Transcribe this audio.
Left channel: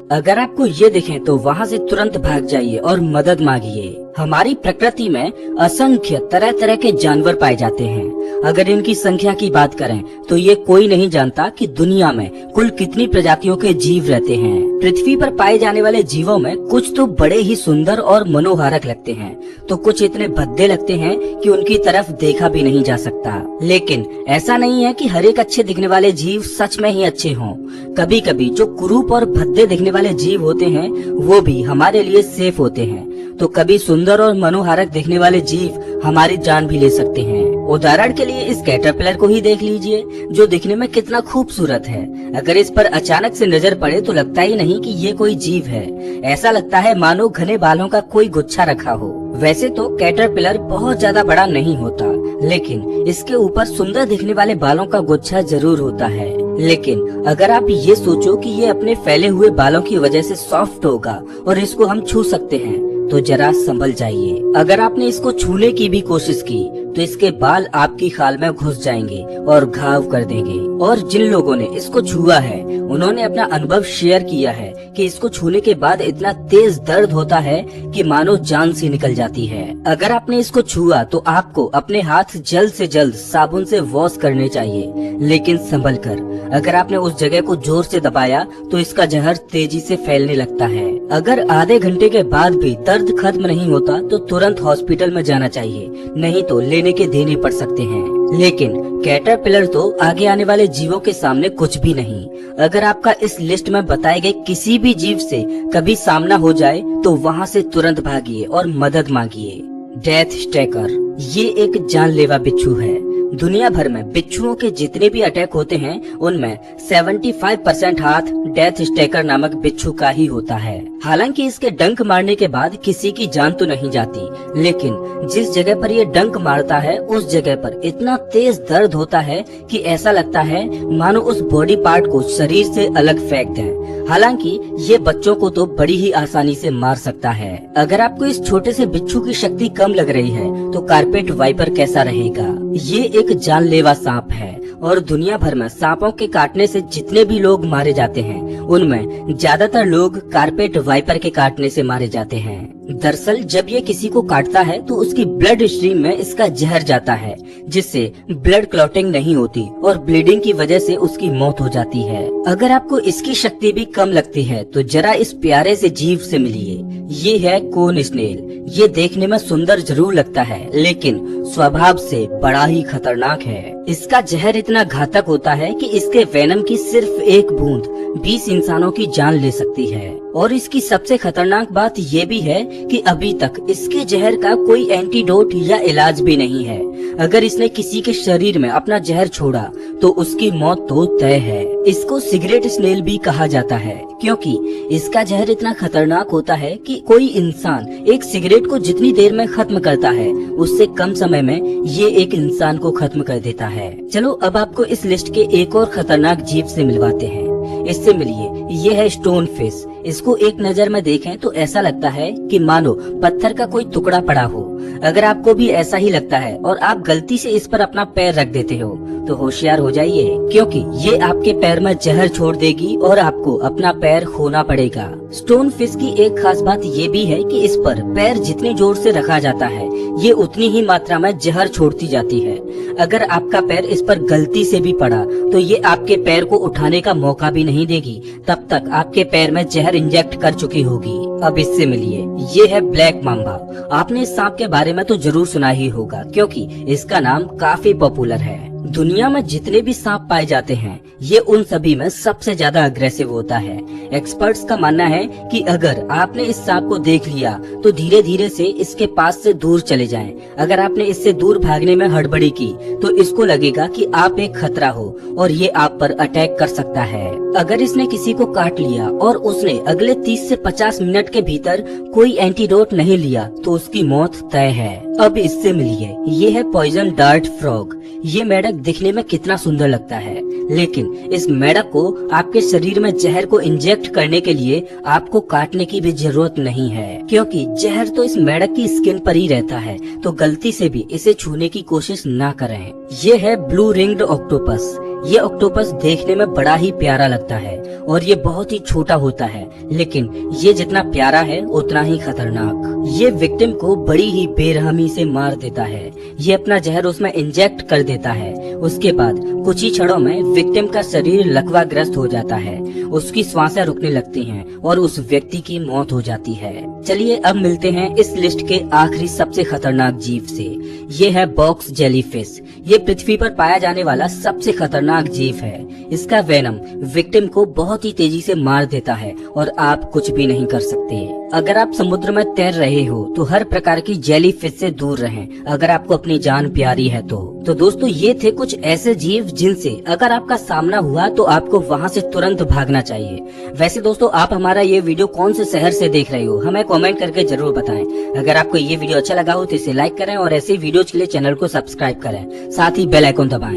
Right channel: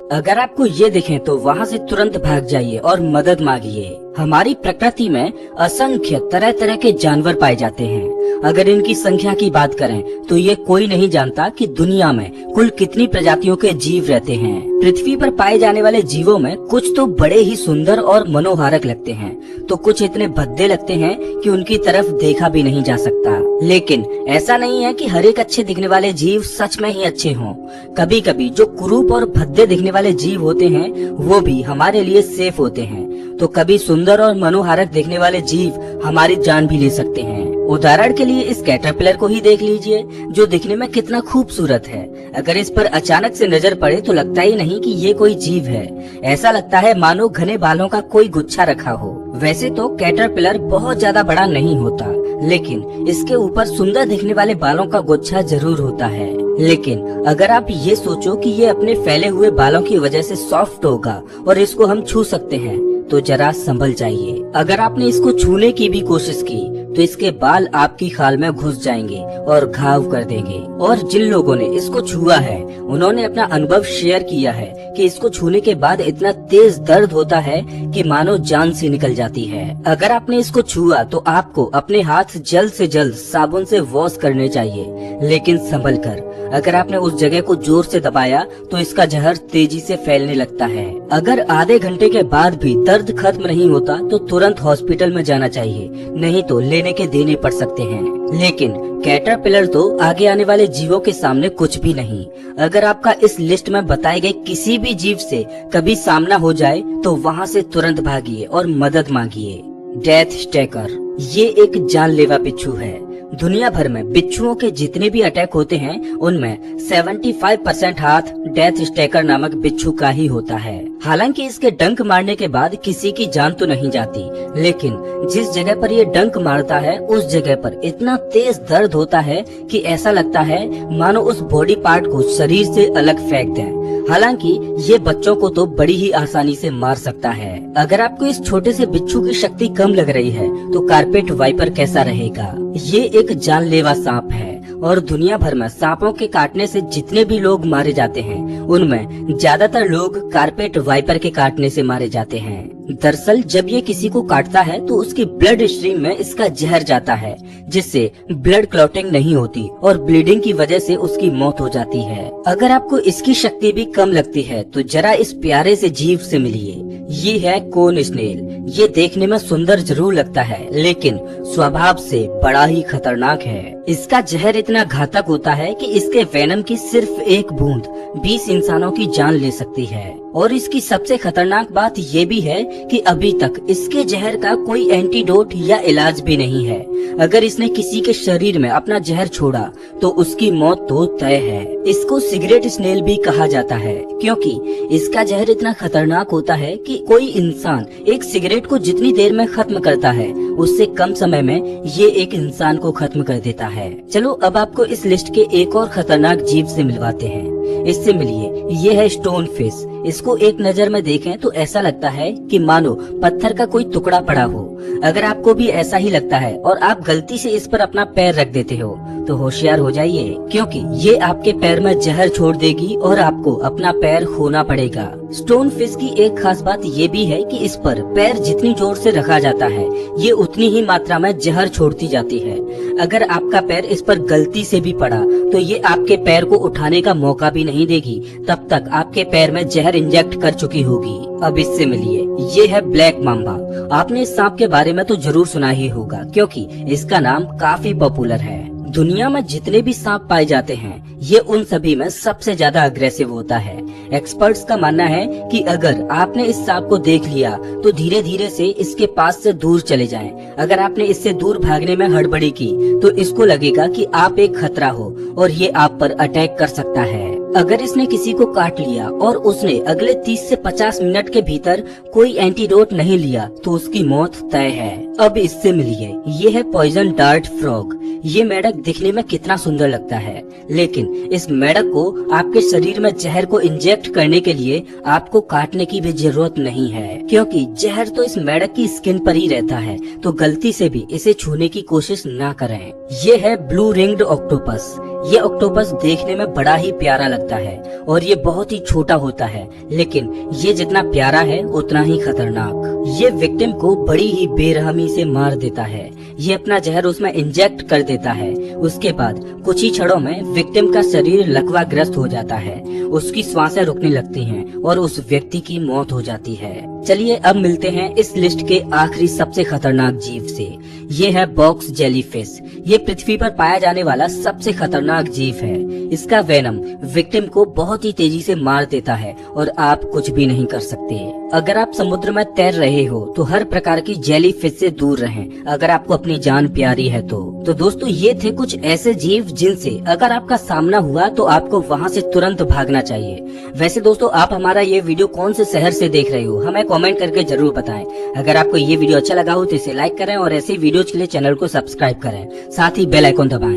अगर आपको ये दिखे तो वहाँ से तुरंत भाग जाइए और मदद मांगिए। हमारी प्रकृति में असंख्य तरह तरह के जानवर पाए जाते हैं। अगर इनकी संख्या की बात करें तो ये कोई नहीं जानता कि दुनिया में कुल कितनी प्रजातियों के जीव रहते हैं। पृथ्वी पर पाए जाने वाले जीवों में कुछ तो बड़े ही सुंदर और मनोहारक लगते हैं, तो कुछ इतने भद्दे लगते हैं कि उनकी तरफ देखा भी नहीं जा सकता। लेकिन ऐसा नहीं है कि हर एक अच्छे दिखने वाले जीव सच में ही अच्छे हों। कभी कभी जो कुरूप और भद्दे दिखने वाले जीव होते हैं वो भी हमारे लिए सेफ होते हैं, तो कभी सुंदर और मनोहारक दिखने वाले जीव हमारी जान भी ले सकते हैं। उदाहरण के लिए इस कैटरपिलर को ही देख लीजिए, जो दिखने में कितना खूबसूरत है। अगर इस पर अचानक से नजर पड़े तो लगता ही नहीं कि ये कोई जीव है। ऐसा लगता है मानो घने बालों का कोई गुच्छा रखा हो। वैसे तो कैटरपिलर बहुत ज्यादा बड़ा नहीं होता, लेकिन इसके ऊपर सुंदर दिखने वाले बालों का गुच्छा जरूर होता है। लेकिन अगर आप ये सोचो कि ये अपने फैले हुए बालों की वजह से सॉफ्ट होगा और इसको हम छू सकते हैं, तो जरा संभल जाइए। अगर आपने इसको छूने की भी कोशिश की तो इसके बाल आपकी खाल में घुस जाएंगे और घाव कर देंगे। और जिन लोगों ने इसको छुआ है उन्होंने अपना अनुभव शेयर किया है कि इसको छूने के बाद इतना तेज दर्द होता है कि मानो जान से निकल जाती है। अगर आपने इसको छुआ तो आपको अपने हाथ जल्द से जल्द साबुन से वॉश करने चाहिए, लेकिन संभल कर। अगर आपने उस जगह को जोर से दबाया तो इसका जहर तेजी से फैलने लगता है। अगर आधे घंटे के बाद भी दर्द खत्म नहीं होता तो तुरंत हॉस्पिटल में जाना चाहिए, नहीं तो लेने के देने पड़ सकते हैं। लेकिन कैटरपिलर तो आगे आने वाले जीवों के सामने कुछ भी नहीं। अगर आपका इस लिस्ट में बताए गए किसी भी जीव से कभी सामना हो जाए तो वहाँ से तुरंत भागिए और मदद मांगिए। डेथ स्टेकर ये एक जानलेवा बिच्छू है। दुनिया भर में बिच्छुओं के जितने भी अटैक होते हैं उनमें 75% हाथ डेथ स्टेकर नामक बिच्छू का ही होता है। हालांकि इसके डंक मारने के बाद किसी की जान तो नहीं जाती, लेकिन जिस जगह पर ये डंक मारता है उस जगह पर इतना तेज दर्द होता है कि ऐसा लगता है मानो उस बॉडी पार्ट को शरीर से अलग फेंक दें। हालांकि ये बच्चों को तो बड़ी ही आसानी से मार सकता है। अगर आपको इस छोटे से बिच्छू की शक्ति कम लग रही है तो कारपेट वाइपर कैसा रहेगा। ये एक जानलेवा सांप है और दुनिया भर में सांपों के काटने से जितने भी लोग मारे जाते हैं उनमें ज्यादातर लोग कारपेट वाइपर के काटने से मारे जाते हैं। दरअसल जब ये किसी को काटता है तो उसकी ब्लड स्ट्रीम में इसका जहर जाता है, जिससे ब्लड क्लॉटिंग नहीं होती और ब्लीडिंग की वजह से उसकी मौत हो जाती है। अगर आपको इसकी शक्ति भी कम लगती है तो जरा इस प्यारे से जीव से मिलिए। ये है कोन स्नेल। ये देखने में सुंदर जरूर लगता है, लेकिन स्वभाव से बड़ा ही खतरनाक है। इसका जहर इतना घातक होता है कि इसके वेनम की सिर्फ एक बूंद 20 इंसानों की जान ले सकती है। और इसकी सबसे खतरनाक बात ये भी है कि अभी तक इसके जहर का कोई एंटीडोट या इलाज भी नहीं है। अगर इसने किसी के शरीर में अपना जहर छोड़ा तो उसकी मौत तो तय है। इसको सिगरेट स्नेल भी कहा जाता है, क्योंकि इसका जहर इतना खतरनाक होता है कि कोई इंसान एक सिगरेट को जितनी देर में खत्म करता है उससे कम समय में ये एक इंसान को खत्म कर देता है। चलो अब आपको इस लिस्ट के एक और खतरनाक जीव से मिलवाते हैं। इससे मिलिए। ये है स्टोन फिश। इसको एक नजर में देखें तो ऐसा लगता है कि मानो पत्थर का कोई टुकड़ा पड़ा हो। अगर आपको भी ऐसा ही लगता है और आप गलती से इस पर अपना पैर रख देते हो तो होशियार हो जाइए, क्योंकि ये आपके पैर में जहर छोड़ देगी और आपको अपना पैर खोना पड़ेगा। स्टोन फिश की एक खास बात ये भी है कि इस पर पैर जितनी जोर से रखा जाता है ये उतनी ही मात्रा में जहर छोड़ती जाती है। अगर आपका पैर इस पर गलती से भी पड़ा तो ये आपके पैर को उठाने का मौका भी नहीं देगी, तब तक आपके पैर में जहर इंजेक्ट कर चुकी होगी। अब इससे मिलिए। ये है ब्लैक मांबा। आपने इस सांप के बारे में तो जरूर सुना ही होगा, क्योंकि इसका नाम काफी पॉपुलर है। दुनिया में जितने भी सांप पाए जाते हैं ये उन सभी में सबसे ज्यादा अग्रेसिव होता है। एक्सपर्ट्स का मानना है कि अगर आपने इस सांप को देख लिया तो धीरे धीरे से इसके पास से दूर चले जाएं। अगर आपने इससे दूर भागने में हड़बड़ी की तो इसको लगेगा कि आप एक खतरा हो और ये आप पर अटैक कर सकता है। अगर इसने किसी को काट लिया और उसने अगले 30 से 50 मिनट के भीतर कोई एंटीडोट नहीं लिया तो उसकी मौत तय है। अब इससे मिलिए। ये है पॉइजन डार्ट फ्रॉग। ये मेढक दिखने में कितना सुंदर लगता है, लेकिन इस मेढक को आपके शरीर में जहर को इंजेक्ट करने के लिए आपको काटने की भी जरूरत नहीं है, क्योंकि जहर तो इस मेढक की स्किन पर ही रहता है। तो गलती से भी इसे छूने की कोशिश ना करें। ये है ब्लू रिंग्ड ऑक्टोपस। ये ऑक्टोपस देखने में बड़ा ही प्यारा लगता है और ये बहुत ही छोटा होता है, लेकिन ये जितना प्यारा है उतना ही खतरनाक। ये विक्टिम को बड़ी ही बेरहमी से मार देता है। ये अपना जहर उसमें इंजेक्ट कर देता है। उसके बाद कुछ ही क्षणों में विक्टिम का शरीर लकवाग्रस्त हो जाता है, उसकी सांसें रुकने लगती हैं और उस व्यक्ति की मौत हो जाती है। चलिए अब मिलते हैं इस लिस्ट के आखिरी सबसे खतरनाक जीव से। ये है बॉक्स जेलीफिश। ये पृथ्वी पर पाया जाने वाला सबसे खतरनाक जीव है। इसका वेनम विक्टिम को बहुत ही तेजी से मार देता है और आप कुछ भी नहीं कर सकते। अगर आप समुद्र में तैर रहे हो तो हर प्रकार की जेलीफिश से दूर रहें, अगर आपको अपनी जान प्यारी है तो दोस्तों ये थे कुछ ऐसे जीव जिनसे अगर आपका सामना हुआ तो आपको वहां से तुरंत भागना चाहिए। वैसे दोस्तों आप हमारा ये वीडियो कौन से शहर से देख रहे हो हमें कमेंट करके जरूर बताएं। अगर आपको ये वीडियो अच्छा लगा हो तो इसे लाइक करें और ऐसे वीडियोज के लिए चैनल को सब्सक्राइब करें, साथ ही बेल आइकन दबाएं।